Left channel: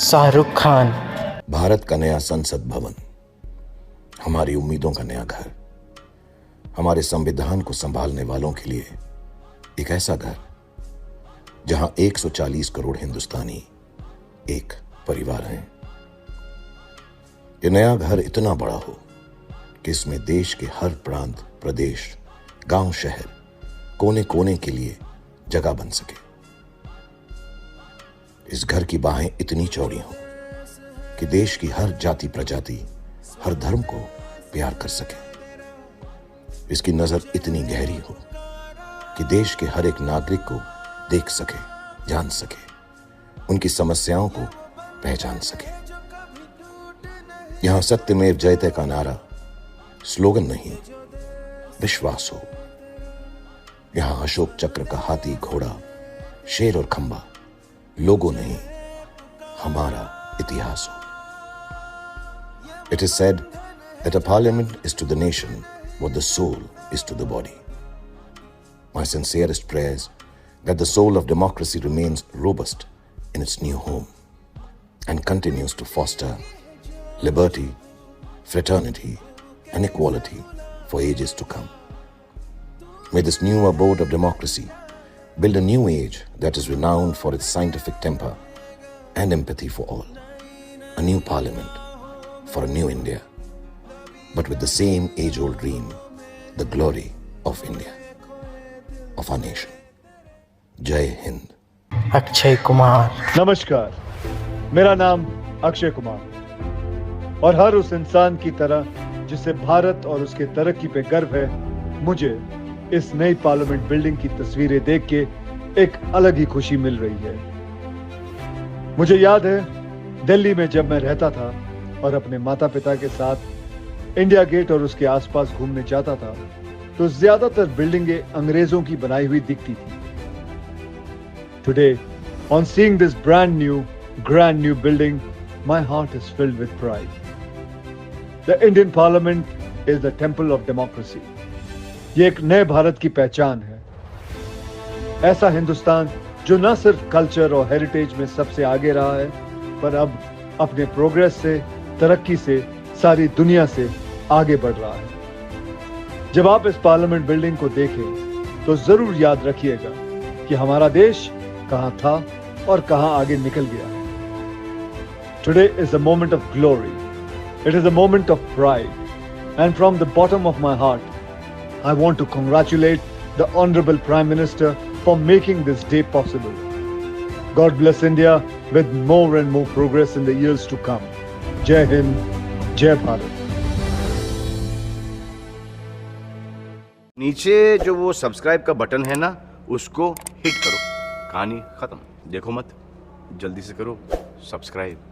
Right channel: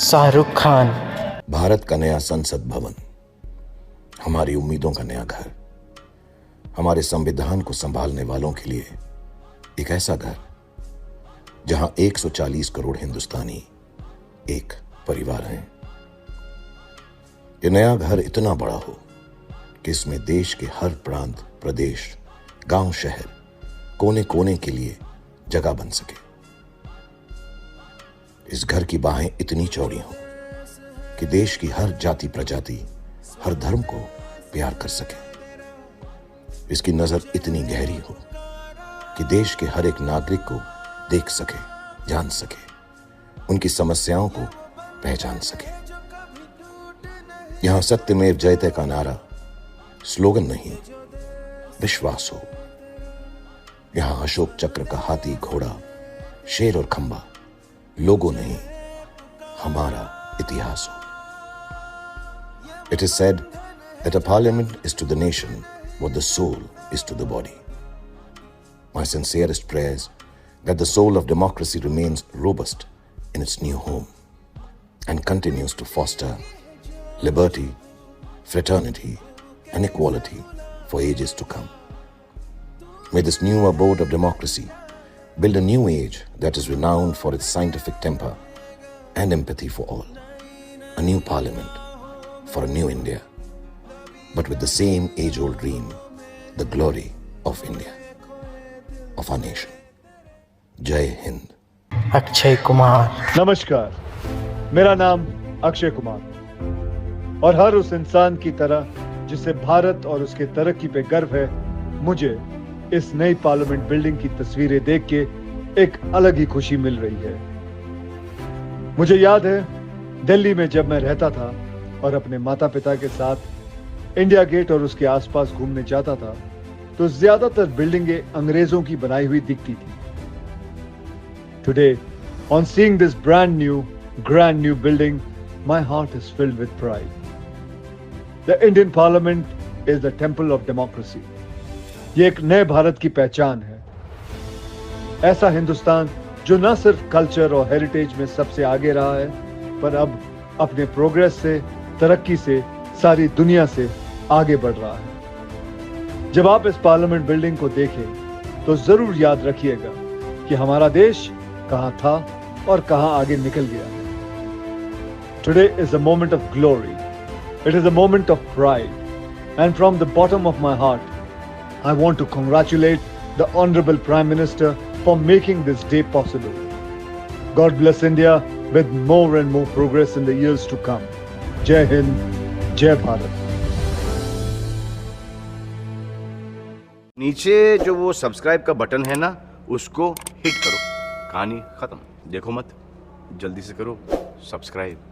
शाहरुख खान। भारत का नया संसद भवन, हमारी उम्मीदों का नया घर, हमारे संविधान को संभालने वालों के लिए एक ऐसा घर जहां 140 करोड़ हिंदुस्तानी एक परिवार हैं। ये नया घर इतना बड़ा हो कि इसमें देश के हर प्रांत, प्रदेश, गांव, शहर, कोने कोने के लिए जगह बन सके। इस घर की बाहें इतनी चौड़ी हों कि देश की हर जाति, प्रजाति, हर धर्म को प्यार कर सके। इसकी नजर इतनी गहरी हो कि देश के हर एक नागरिक को देख सके, जान सके, उनकी समस्याओं को पहचान सके। यहां सत्यमेव जयते का नारा स्लोगन नहीं, विश्वास हो। यहां अशोक चक्र का हाथी, घोड़ा, शेर और खंबा लोगो नहीं, हमारा इतिहास हो। It is said that a parliament is to the nation what the soul is to the body. My sincerest prayers that the soul of democracy remains robust in its new home and continues to foster liberty, fraternity, and equality for ages to come. May this new abode of democracy build a new age that is renowned for its scientific temper and empathy for all. A new parliament for a new India, but with the same age-old dream, the glory of India, of our nation. Jai Hind. Akshay Kumar. नमस्कार, मेरा नाम अक्षय कुमार है और हर उस इंसान की तरह जिसे भारत और उसके तरक्की पे गर्व है, मुझे इस नई पार्लियामेंट बिल्डिंग की तस्वीरें देख के एक अलग ही खुशी मिल रही है। मुझे याद है दिल्ली में जब मैं रहता था और अपने माता पिता के साथ इंडिया गेट और उसके आसपास घूमने जाता था, तो ज्यादातर बिल्डिंगें अंग्रेजों की बनाई हुई दिखती थी। Today, on seeing this brand new building, my heart is filled with pride. The Indian Parliament is the temple of democracy. ये एक नए भारत की पहचान है। ऐसा हिंदुस्तान जो न सिर्फ कल्चर और हेरिटेज में सबसे आगे रहा है, पर अब अपने प्रोग्रेस से, तरक्की से सारी दुनिया से आगे बढ़ रहा है। जब आप इस पार्लियामेंट बिल्डिंग को देखें तो जरूर याद रखिएगा कि हमारा देश कहां था और कहां आगे निकल गया। Today is a moment of glory. It is a moment of pride. And from the bottom of my heart, I want to congratulate the Honorable Prime Minister for making this day possible. God bless India with more and more progress in the years to come. Jai Hind, Jai Bharat. नीचे जो वो subscribe का button है ना, उसको hit करो। कहानी खत्म। देखो मत, जल्दी से करो सब्सक्राइब।